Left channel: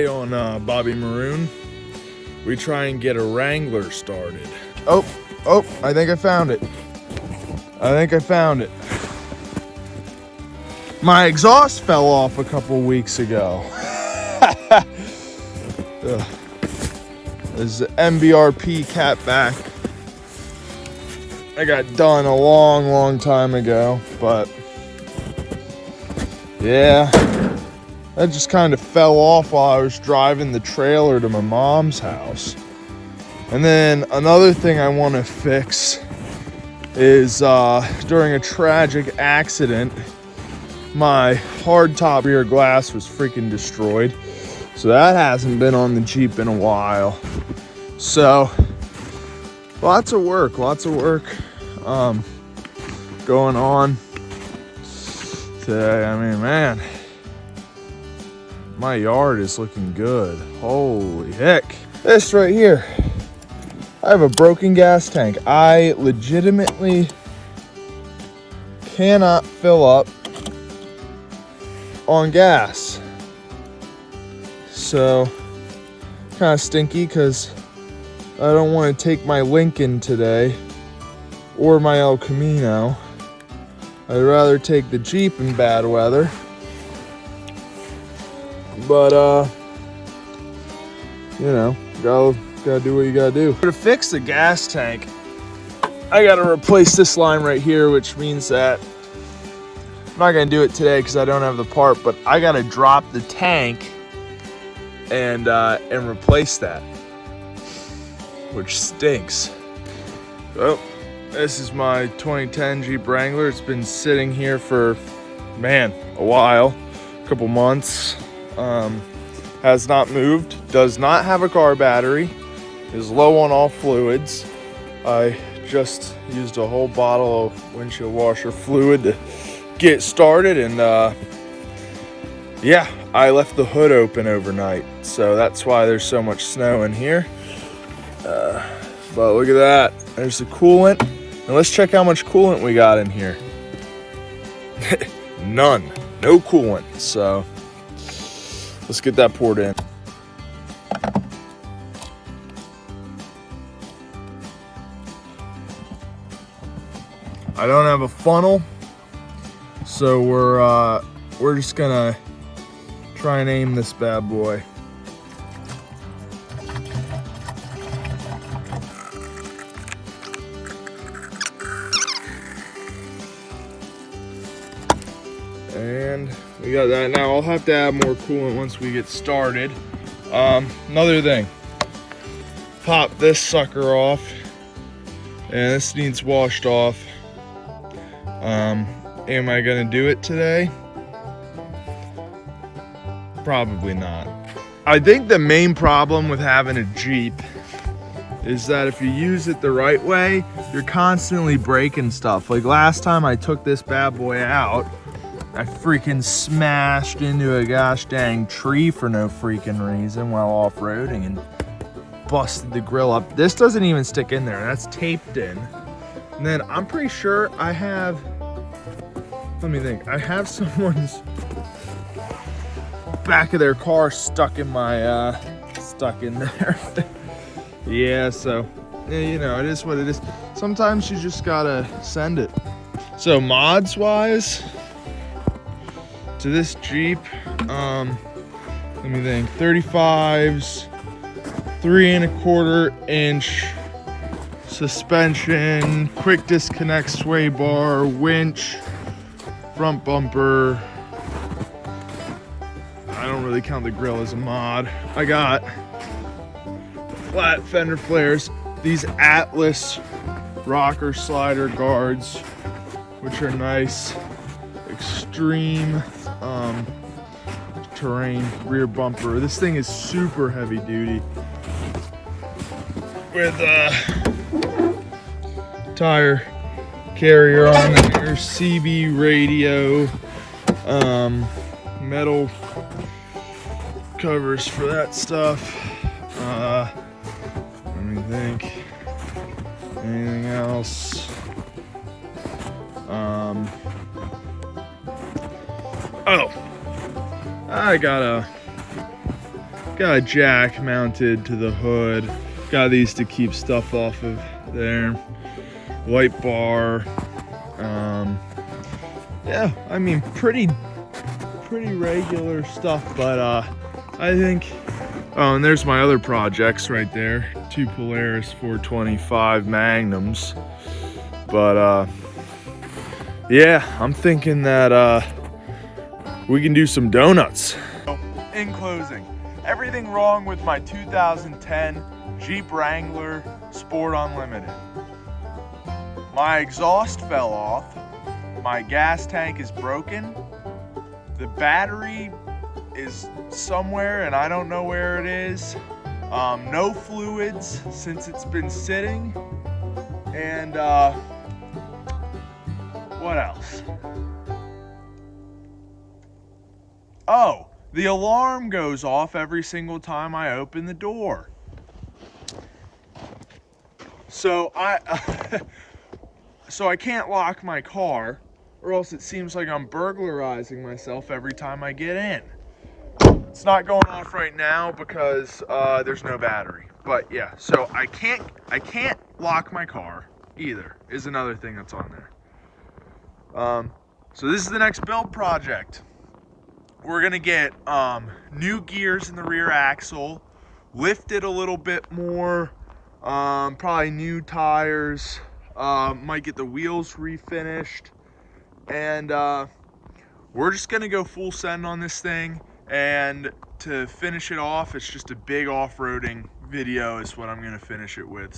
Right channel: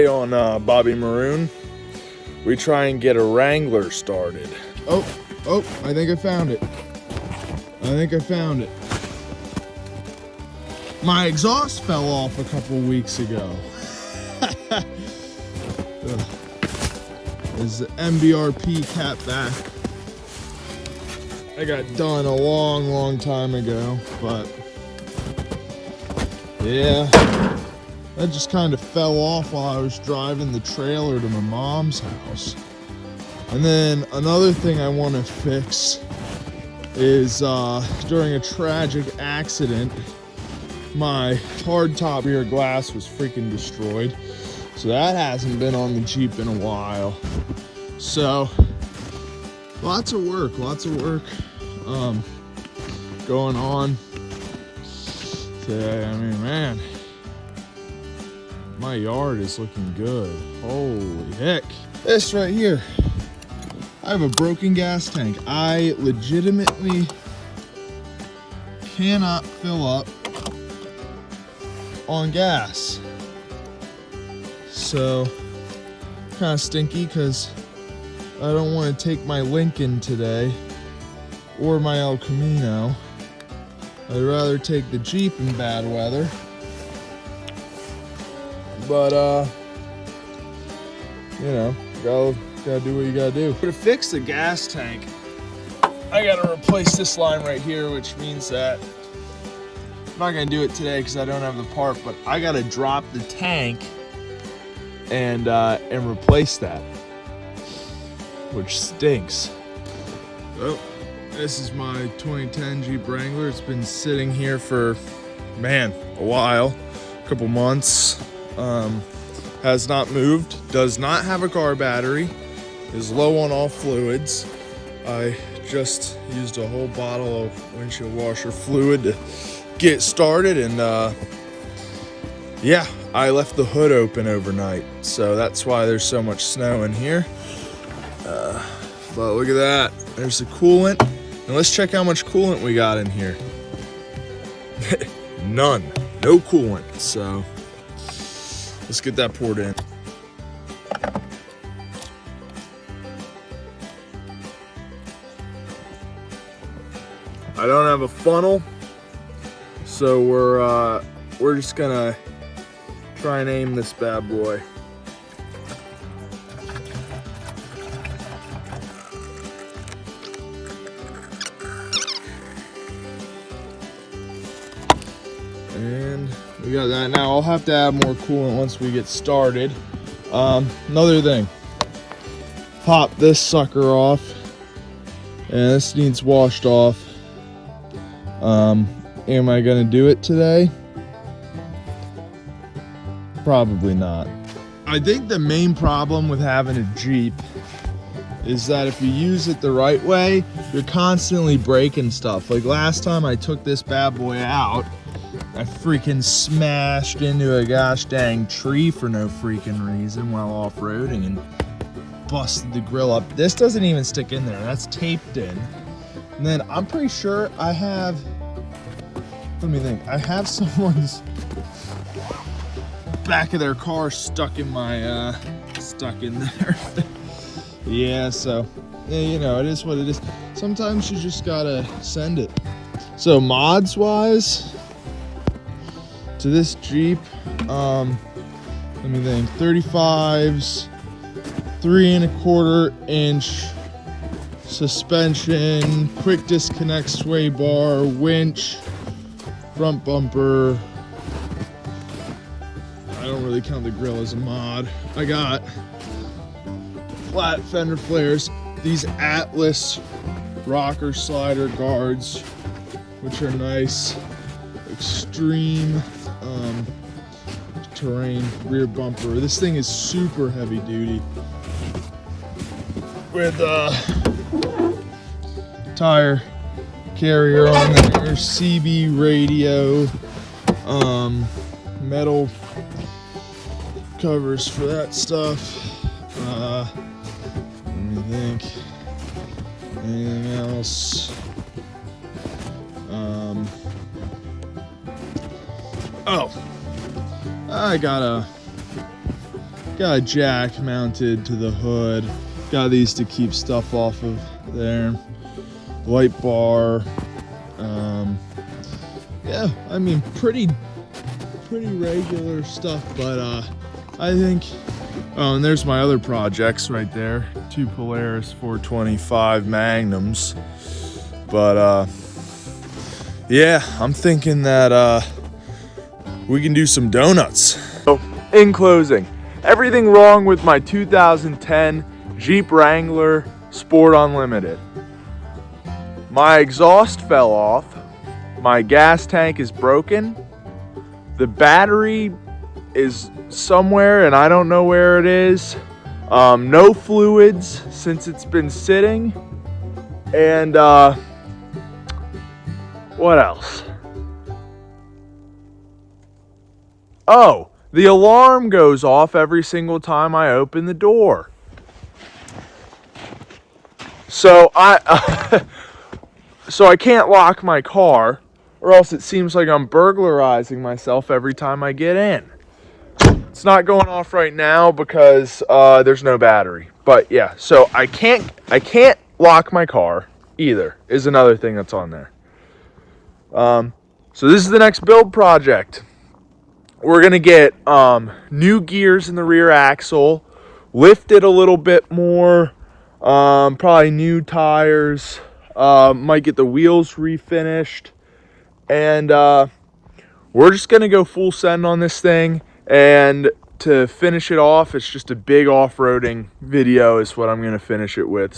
Today on Bobby Maroon, we try and get a Wrangler started. Oh, I think I found it. My exhaust fell off a couple weeks ago. This is the MBRP catback. I got done a long time ago, but yeah, that just kind of fell off while I was driving the trailer to my mom's house. And then another thing I want to fix is during a tragic accident, my hardtop rear glass was freaking destroyed. So that hasn't been on the Jeep in a while. So lots of work going on today. I mean, man, my yard is looking good. Holy heck. This right here, I have a broken gas tank. I legitimately cannot fill up on gas. So kind of stinky because I don't want to take my Lincoln today or my El Camino. I'd rather take the Jeep in bad weather. But you know, gotta do what you gotta do. To fix the gas tank, I gotta replace this line right here, which means that I'm not gonna do it today because I don't have the part, but I gotta drop the tank and replace that, which stinks. So this is my 2010 Jeep Wrangler. It's been sitting here for, man, a while, a couple months. Has not moved, does not have a car battery, is low on all fluids. I just used a whole bottle of windshield washer fluid to get started, and yeah, I left the hood open overnight, so that's why there's so much snow in here. But look at that, there's the coolant, and let's check how much coolant we got in here. None, no coolant, so let's get that poured in. I don't have a funnel, so we're just gonna try and aim this bad boy. And we got that. Now I'll have to add more coolant once we get started. Another thing, pop this sucker off, and this needs washed off. Am I gonna do it today? Probably not. I think the main problem with having a Jeep is that if you use it the right way, you're constantly breaking stuff. Like last time I took this bad boy out, I freaking smashed into a gosh dang tree for no freaking reason while off-roading and busted the grill up. This doesn't even stick in there, that's taped in. And then I'm pretty sure I have, let me think, I have someone's back of their car stuck in my, stuck in there. Yeah, so, yeah, you know, it is what it is. Sometimes you just gotta send it. So mods wise, to this Jeep, let me think, 35s, 3¼ inch suspension, quick disconnect sway bar, winch, front bumper. I don't really count the grill as a mod. I got flat fender flares, these Atlas rocker slider guards, which are nice, extreme terrain rear bumper. This thing is super heavy duty with tire carrier on there, CB radio, metal covers for that stuff. Let me think, anything else? Oh, I got got a jack mounted to the hood. Got these to keep stuff off of there. Light bar. Yeah, I mean, pretty regular stuff, but I think, oh, and there's my other projects right there. 2 Polaris 425 Magnums. But yeah, I'm thinking that we can do some donuts. So, in closing, everything wrong with my 2010 Jeep Wrangler Sport Unlimited. My exhaust fell off. My gas tank is broken. The battery is somewhere and I don't know where it is. No fluids since it's been sitting. And what else? Oh, the alarm goes off every single time I open the door. So I can't lock my car, or else it seems like I'm burglarizing myself every time I get in. It's not going off right now because there's no battery. But yeah, so I can't lock my car either, is another thing that's on there. So this is the next build project. We're gonna get new gears in the rear axle, lift it a little bit more, probably new tires, might get the wheels refinished, and we're just gonna go full send on this thing. And to finish it off, it's just a big off-roading video is what I'm gonna finish it with.